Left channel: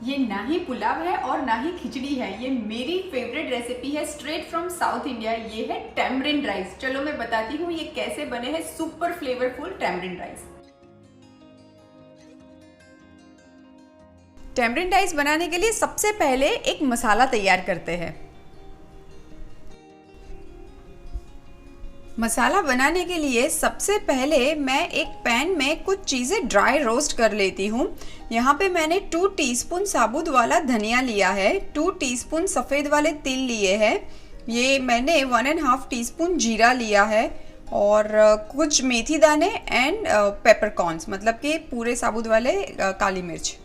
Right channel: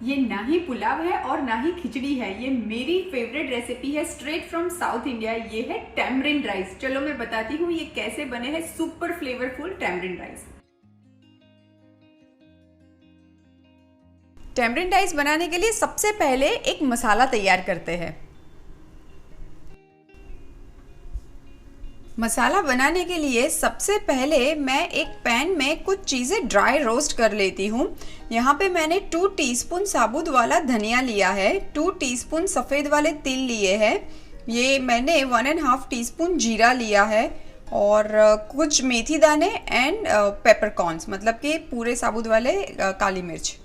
ये ना ही पुलाव है और ना ही खिचड़ी है, ये मेरी फेवरेट रेसिपी है स्ट्रेट फ्रॉम साउथ इंडिया। ये है टैमरिंड राइस। चलो मैं बताती हूँ ये कैसे बने हैं super flavourful tamarind rice. Tamarind rice बनाने के लिए सबसे पहले एक मसाला तैयार करते हैं। मसाला बनाने के लिए सबसे पहले मैं एक पैन में कुछ चीज़ें ड्राई रोस्ट कर लेती हूँ। यहाँ पे मैंने 2 टीस्पून साबुत वाला धनिया लिया है, 2 टीस्पून सफ़ेद वाले तिल लिए हैं, ये मैंने 1.5 टीस्पून जीरा लिया है और कुछ मेथी दाने एंड पेपरकॉर्न्स, मतलब कि पूरे साबुत वाले काली मिर्च।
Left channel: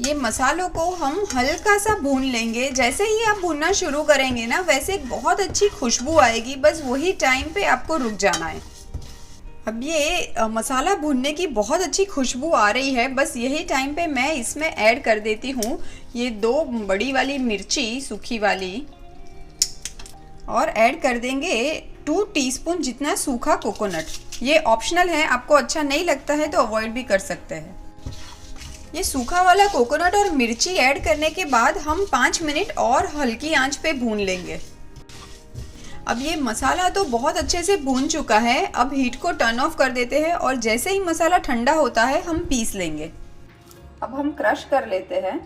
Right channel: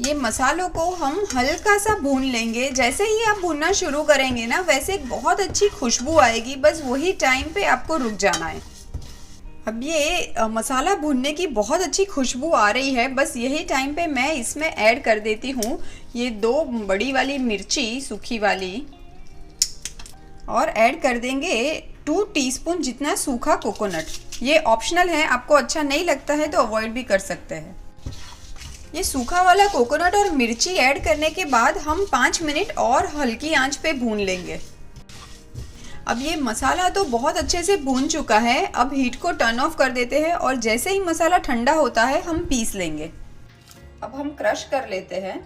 ये मसालों को हम हल्का सा भून लेंगे। जैसे ही आप भूनना शुरू करेंगे ना, वैसे एक बहुत अच्छी खुशबू आएगी, बस वही टाइम पे आपको रुक जाना है। अब ये मसाला भूनने की बहुत अच्छी खुशबू आ रही है, बस यही टाइम पे मैं इसमें ऐड कर देती हूँ ये 2 बड़ी वाली मिर्ची सूखी वाली, और ऐड कर देंगे 2 टीस्पून जितना सूखा कोकोनट। ये ऑप्शनल है, आपको अच्छा नहीं लगता है तो अवॉइड भी कर सकते हैं। ये सूखा वाला कोकोनट और मिर्ची ऐड करने के बाद हम 5 मिनट और हल्की आंच पे भून लेंगे। अब ये मसाला तो बहुत अच्छे से भून चुका है। अब हीट को टर्न ऑफ कर देते हैं और जैसे ही मसाला ठंडा होता है हम पीस लेंगे। अब हम क्रश कर लेते हैं।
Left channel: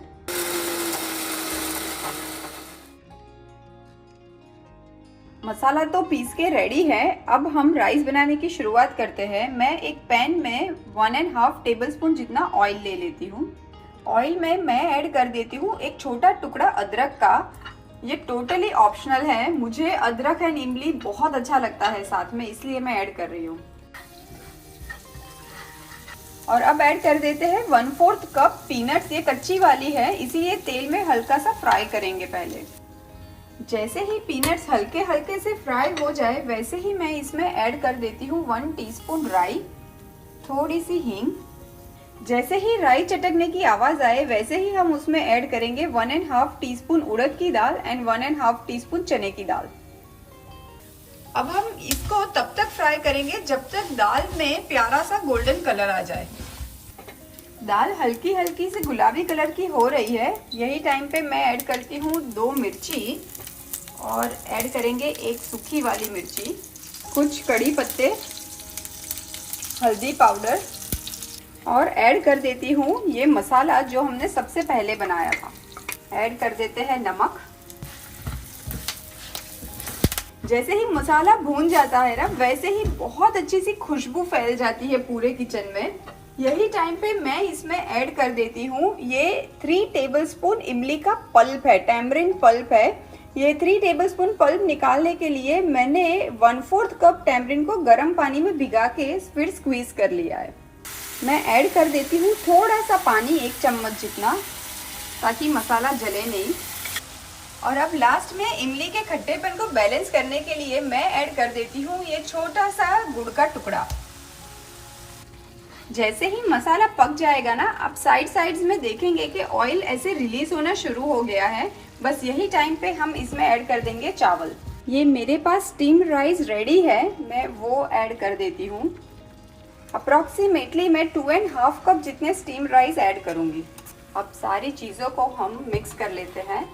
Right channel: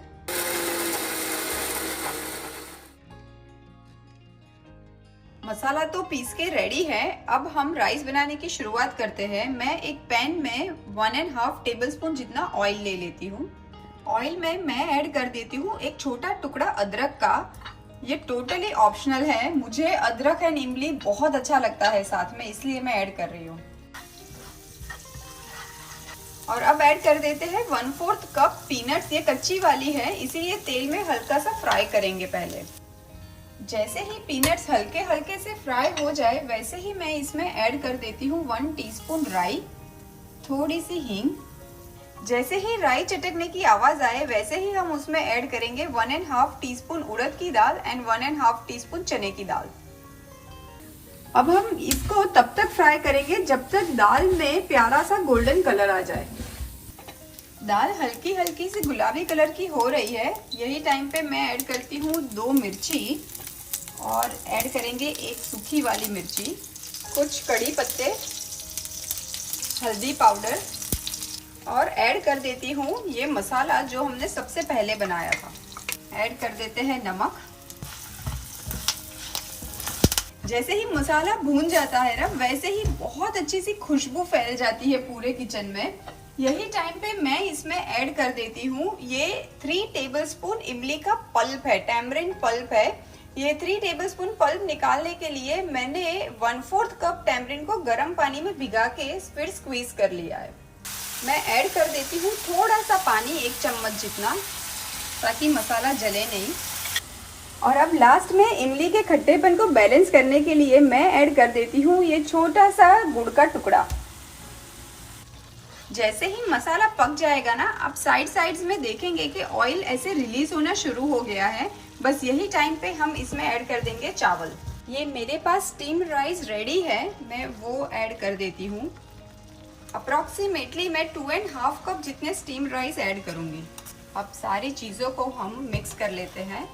मसाला तो पीस के रेडी है। अब हम राइस बनाने की शुरुआत करते हैं। मैं एक पैन में 1.5 टेबलस्पून जितना ऑयल ले लेती हूँ। ऑयल में मैं ऐड कर देती हूँ एक छोटा टुकड़ा अदरक का। ये टोटली ऑप्शनल है, मुझे अदरक एंड इमली बहुत अच्छा लगता है साथ में, इसलिए मैं ऐड कर रही हूँ। और अब ऐड कर देते हैं 1/4 कप पीनट्स। ये कच्ची वाली है, इसीलिए तेल में हल्का सा फ्राई करेंगे पहले। जैसे ही पीनट्स हल्के हल्के से फ्राई हो जाए, वैसे ही मैं इसमें ऐड कर देती हूँ 1 टीस्पून राई, थोड़ी सी हींग। जैसे ही राई चटकने की आवाज आए, वैसे ही हम उसमें ऐड करेंगे 1.5 टीस्पून उड़द की दाल एंड 1.5 टीस्पून चने की दाल। अब हम इसको तब तक फ्राई करेंगे जब तक दाल में प्यारा सा गोल्डन कलर आ जाए। दाल हल्की हल्की से गुलाबी कलर की हो रही है, यही टाइम पे मैं ऐड करती हूँ 2 मिर्ची और ऐड करेंगे एक सूखी वाली मिर्ची, कुछ कड़ी पत्ते, हल्दी पाउडर, और ऐड कर देती हूँ ये मसाला जो हमने सबसे पहले बनाया था। ऐड कर देते हैं नमक। जैसे ही मसाला भून जाता है ना, वैसे ही बहुत अच्छी सी खुशबू फैल जाती है पूरे किचन में। यही टाइम पे मैं इसमें ऐड कर देती हूँ ये 3 टेबलस्पून इमली का पल्प है, टैमरिंड पल्प है। ये 3 टेबलस्पून पल्प निकालने के लिए मैंने 1/4 कप टैमरिंड को गर्म पानी में भिगा के फिर स्क्वीज कर लिया है। मैं ऐड कर देती हूँ थोड़ा सा पानी, 1 चम्मच जितना, ताकि मसाला जले नहीं। और अब लास्ट में इमली के खट्टेपन को बैलेंस करने के लिए मैं ऐड कर देती हूँ ये छोटा सा गुड़ का टुकड़ा। जैसे ही मसाला पक जाएगा ना, आप साइड्स में देखेंगे कि ऑयल ऐसे रिलीज होना शुरू हो गया है। बस यही टाइम पे हम इसमें ऐड कर देंगे चावल। ये मेरे पास स्टीम्ड राइस रेडी है, मैं वो ऐड कर देती हूँ। अप्रोक्सीमेटली मैं 2.5 कप जितने स्टीम्ड राइस ऐड करूंगी। अब सारी चीजों को हम मिक्स कर लेते हैं।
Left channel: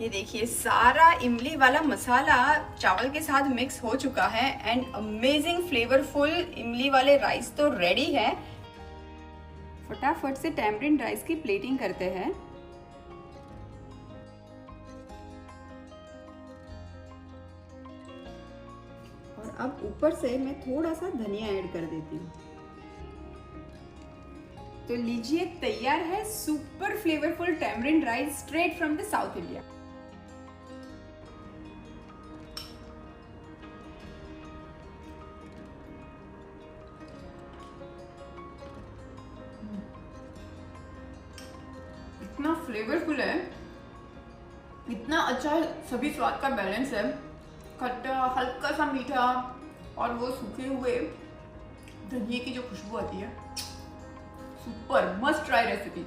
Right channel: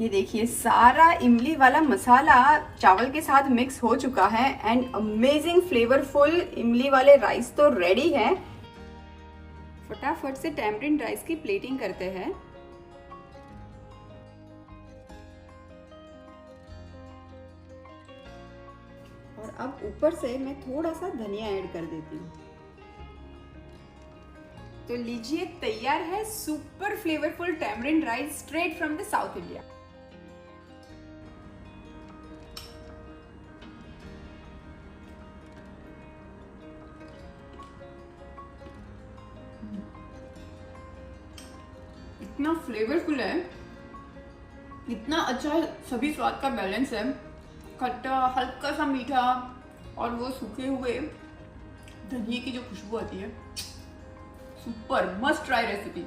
ये देखिए सारा इमली वाला मसाला चावल के साथ मिक्स हो चुका है एंड अमेजिंग फ्लेवरफुल इमली वाले राइस तो रेडी है। फटाफट से टैमरिंड राइस की प्लेटिंग करते हैं। और अब ऊपर से मैं थोड़ा सा धनिया ऐड कर देती हूँ। तो लीजिए, तैयार है super flavourful tamarind rice straight from the south India. इतना फ्लेवरफुल है, इतना अच्छा सभी स्वाद का बैलेंस है, खट्टा, हल्का सा मीठा और वो सूखे हुए धनिये की जो खुशबू आती है। Super must try recipe.